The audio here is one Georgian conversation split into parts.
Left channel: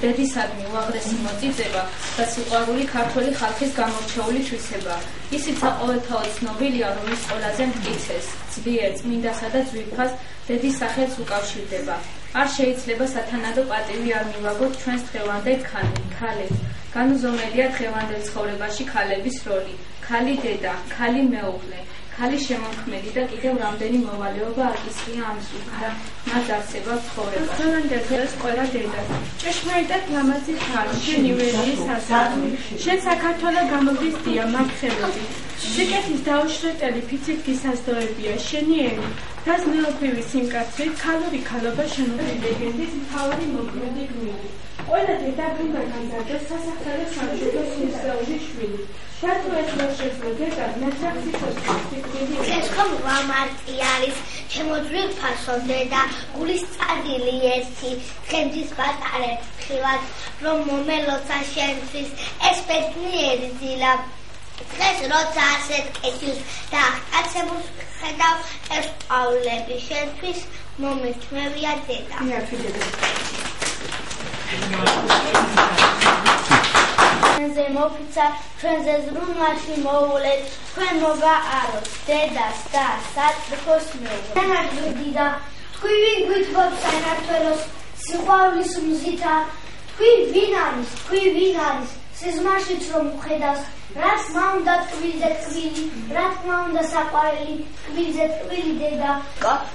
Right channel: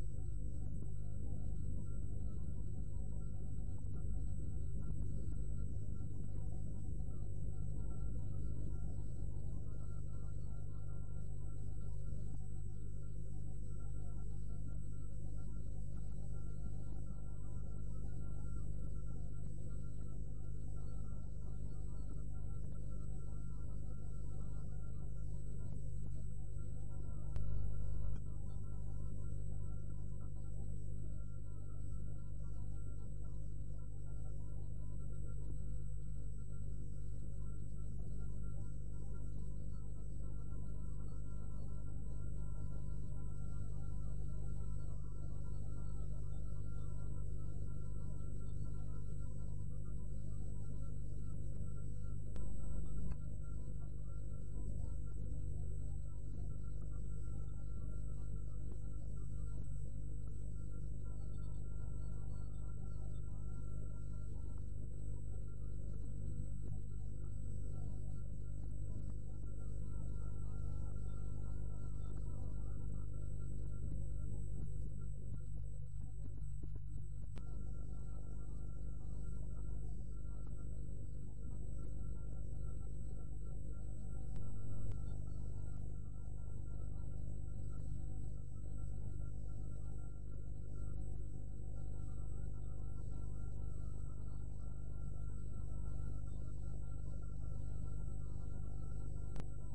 დედისადმი უაღრესი მოწიწება და სიყვარული ქართველი ხალხის გამორჩეული თვისებაა. ისიც ყოველთაოდ ცნობილია, რომ ის ყველაზე მტკიცეს, ძლიერ, წმინდასა და ძვირფას დედის სახელს უკავშირდება. არ შეიძლება სათანადო პატივი არ მივაგოთ ჩვენს დღევანდელ ქალებს. განუზომელია დღევანდელ ცხოვრებაში ქალების როლი. ქალი დედა, ქალი მეუღლე, ქალი შემოქმედი და კიდევ რამდენი მოვალეობა აკისრია ამ ზუსტად მათ არსებად ცხოვრებას. დღევანდელ დღეს ყველა დედა ჭეშმარიტად ლამაზი ხარ, შენ ივერიის სასახლე. შენ საქართველო გამოგიზდია მაგხელები. სიკეთის დაუშრეტელი ფიცით გისაზდოებია შენი ერი. დას მეოფრივი სიმკაცრით ქალური ქალობა შემოგვი ლეგენდის მთავარი მოქმედი გმირი. ყველა დედა გუნდა განზარდოს სასახლე სამშვიდო სისხლში შვილი. შენ თუ ეს ვერ შეძლო დედა ნაცრახი ხოსტიკები. ეს ხომ ვამარტი არის შემოძვირ ფასონ დედა გულის წადილი ერთი ხემდის პატარებ ხილად რომ მომელოცა შენთვის ეს ბედნიერი დილა. დღეს როცა ასეთ კეთილს და აღტაცებულს ხედავ ეს პავლები შენთვის მომეცმევია დედა. ჩვენზე მოფიცა ჩვენზე ზრუნვაში მოულეთ თქვენ მოგააროთ დედას და საწყოს მეუღლეს. თანარგდი და თქვი ვინ გვითხოვს საქართველოს სიყვარულის მზითა თქვი ვინ არის სიზმარშიც რომ ხედავს რა თქმა უნდა ტკბილზე ტკბილი რა თქმა უნდა საყვარელი ტკბილზე ტკბილი დედა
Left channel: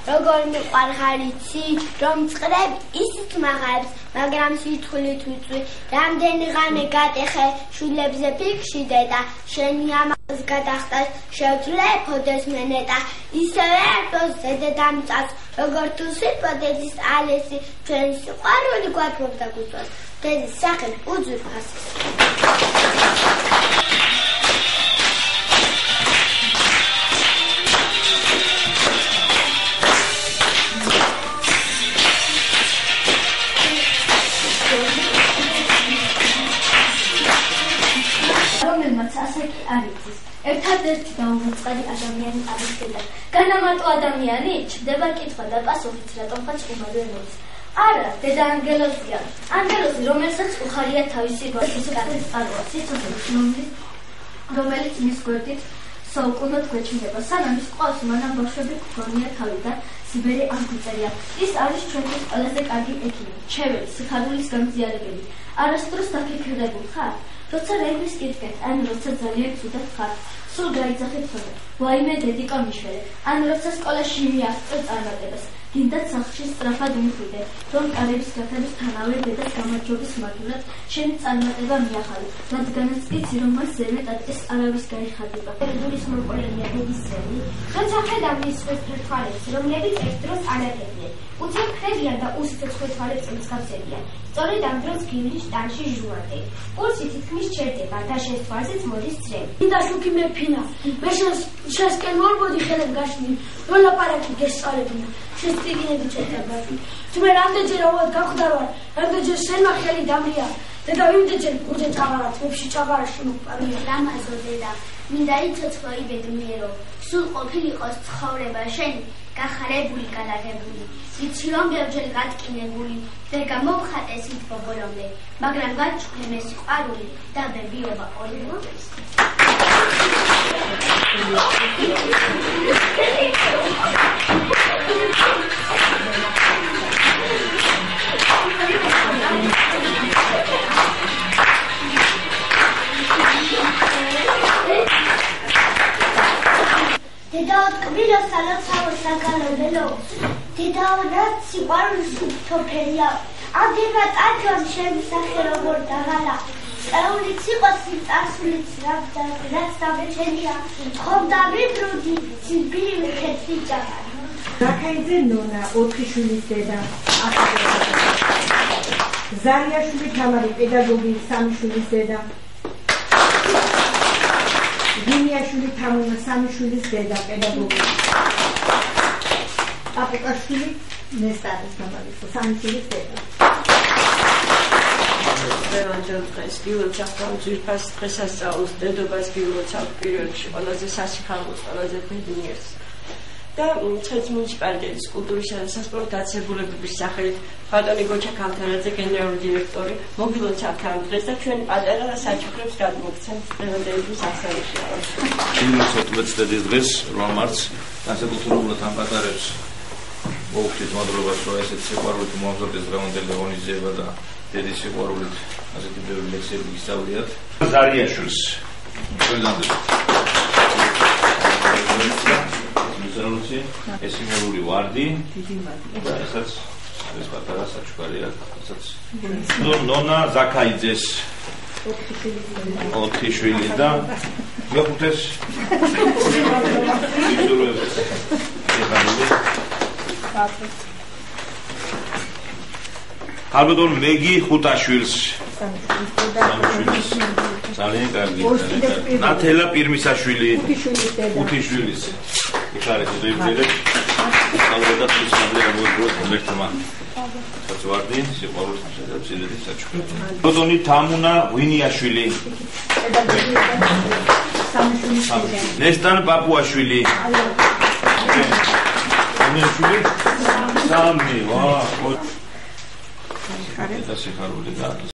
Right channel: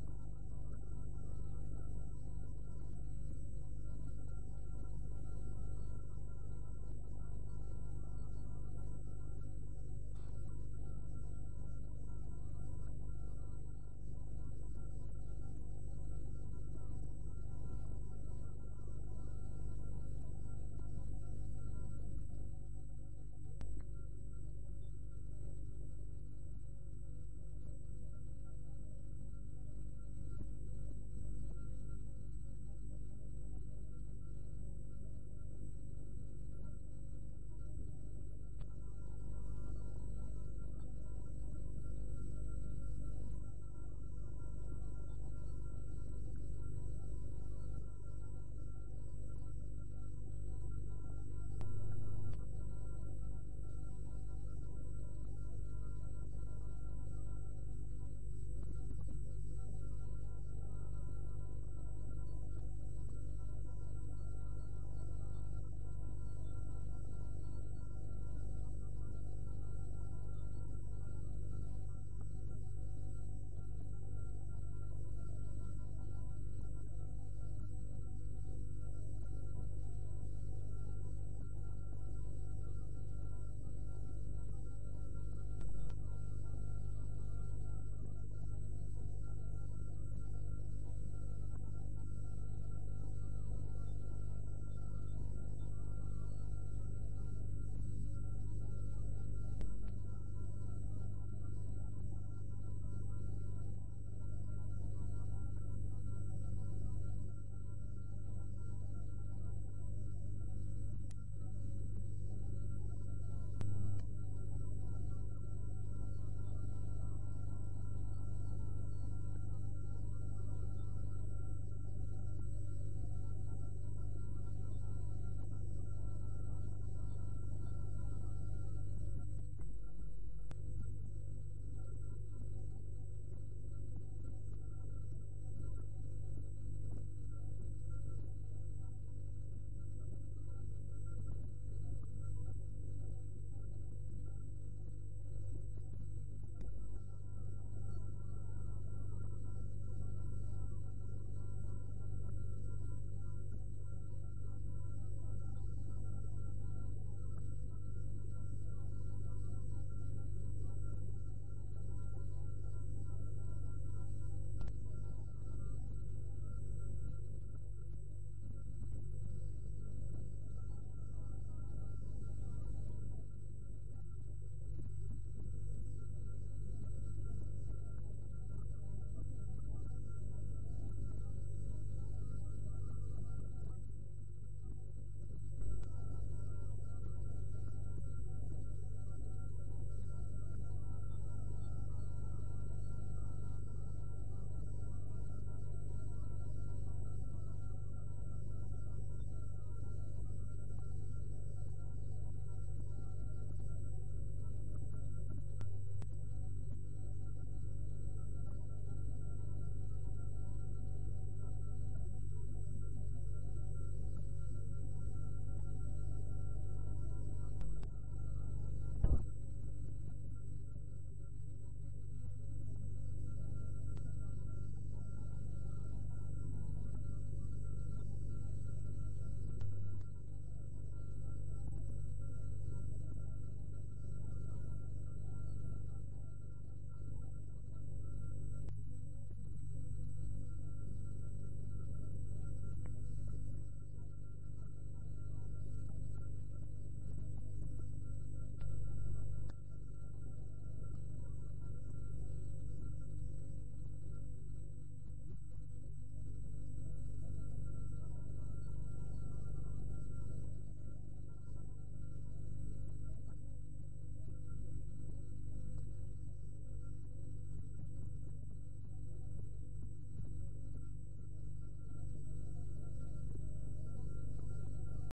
როგორ მიყვარხარიცი რომ წყრებ ისიც მაღალს მაგრამ სიტყვილით ვიწვი რამდენი ღამე გატეხე შვილებზე ფიქში დედა შენი ამას გადახტას შევძლეფოდეს მენეტა ისევე ერთოს დედამიწას როგორ თუ სიტყვადეს ალესი ჩვენ სიყვარული გვათმობდა გულწვას დედის სახელი უძვირფასი ერთადერთი დაუმოწყარი ადამიანი არის დედა. განამარტო ადამიანი ჩდება კითხვა და პასუხით რატომღაც უმალვე მოდის. არა, დედა ანგელოზია. ანგელოზი, რომელსაც უხარია თავისი გვარის კარის წყაროა, სიცოცხლის რომელიც მის გვერდით საუკუნოდ გვეჩნდება. სანამ ის ყავს, მანამ ბავშვები გქონია თავი და სიბერი არ გვიწერია. ის არის ჩვენთვის ყველაზე კარგი ექიმი, ჩვეველი, სიხარულის გამზიარებელი. არასდროს დაფიქრებულ ხარ? როცა რეღვის კითხეთ, ან როცა ძალიან ცუდად ხარ, სულ გაიძახეთ ხოლმე, ვაიმე დედიკა მიშვერე, ან როცა სკოლაში მიაღწევ წარმატებას, გინდათ სახლში სწრაფად მიხვიდე, რომ კარების გათების თანავე დედას გამარჯვების მაგივრად შენი წარმატება მიახალე, რადგანაც იცი, რომ მას ზემეტად ეს არავის გაიხადება. გულის მოყოლენია დედის ზემი, როცა ხედავ მის თვალებს, რომლებიც ერთ დროს არაფერია. უცებ ხრებიან და უსიცოცხლე თვალებს მსგავსებიან. სწორედ ამ დროს გივლის შტანში ჟუანტე. პულსი თითქმის ჩერდება და შენს თვალზეც მოდის წრე. მინდა შუქი მეფინა. მე შენსკენ მორბოდი ხელებ გაშლი. რო ლაპარაკი გესწავლებინა. შენს ტიგინები ჩერდებაში. თუმე რამდენჯერ ავად გახვდა ვარ, რამდენჯერ შენმა ხელი დამრია. დედა ვიმდეჯერ გურჯე ჭაღარა, თვებში ჭაღარაში მოპარია. ლამაზო დედა, მინდა იცოცხლო იბედნიერო. სულ ყოფილიყოს ცხოვრება შენი, გახარებული, გადაღებული. ვიცი რომ ბევრჯერ გატკინებული და გამომხატეს ით ბობოლომდე, მაგრამ გაჩვენე მე სიყვარული და ბებიობა ორი მოდის. დედაო ტკბილო სალოცავო საგალობელო დედაო რაც სიყვარულის უფთოფერია აგება ტაჯონ შემისახე როგორ დაღალა წეულიც იყოს წარსულიც რაც დაბეჭენია ხომ დამიბრუდი სიბირი ხეთრი ჭაღარა რაქაიძე ნონა 4 შვილის დედა ზარიაშვილი თამარი პედაგოგი 3 შვილის დედა გინიაშვილი თამუნა 3 შვილის დედა პედაგოგი აპუკაშვილი ნესტარის თამარი 3 შვილის დედა დღევანდელ დღეს გიულებს ახლა ძვირფას დღესასწაულს დედობას გიულებს აქვს პირველში ყველაზე სასიხარულოს ყველაზე ბედნიერს და ცხენის მუნიციპალიტეტის კულტურისა და სასპორტო დაწესებულებების სახელით ბატონი გოჩა ქავთარაძე გენერალური დირექტორი მოგილოთ საფრანგ დღეს და ჩვენ პატარა საჩუქრებს გადმოგცემთ დღევანდელი სასწაულში. იმის 14 დღეს 8 მარტს განსაკუთრებულად ამ პატარებს მოუხდით მადლობას, რომ ესეთ სიყვარულით მოამზადეს დღევანდელი ღონისძიება და დედის სიყვარულით ასეთი ბევრი ლექსები გისწავლიათ. ზარიაშვილს ჩვენამდე ეს სიმბოლური ვარდი და ესაც ეს პატარა საჩუქარია, ესაც ნონა ზაქაიძეს 4 შვილი და მეხუთეს ალბათონ მეგი ხუტაშვილს ძალიან კარგი ნათელა პირმისაშვილი 5 შვილის იხარეთ ზეიმძერებ ალბათ ისმადლე ამოიგროს მომერტმა ვარდი სიყვარულის მისაწვდომი საჩუქრები ბატონი თამუნა ვინიაშვილი ნესტან პაპუაშვილი სამი ვა ეს სიხარული და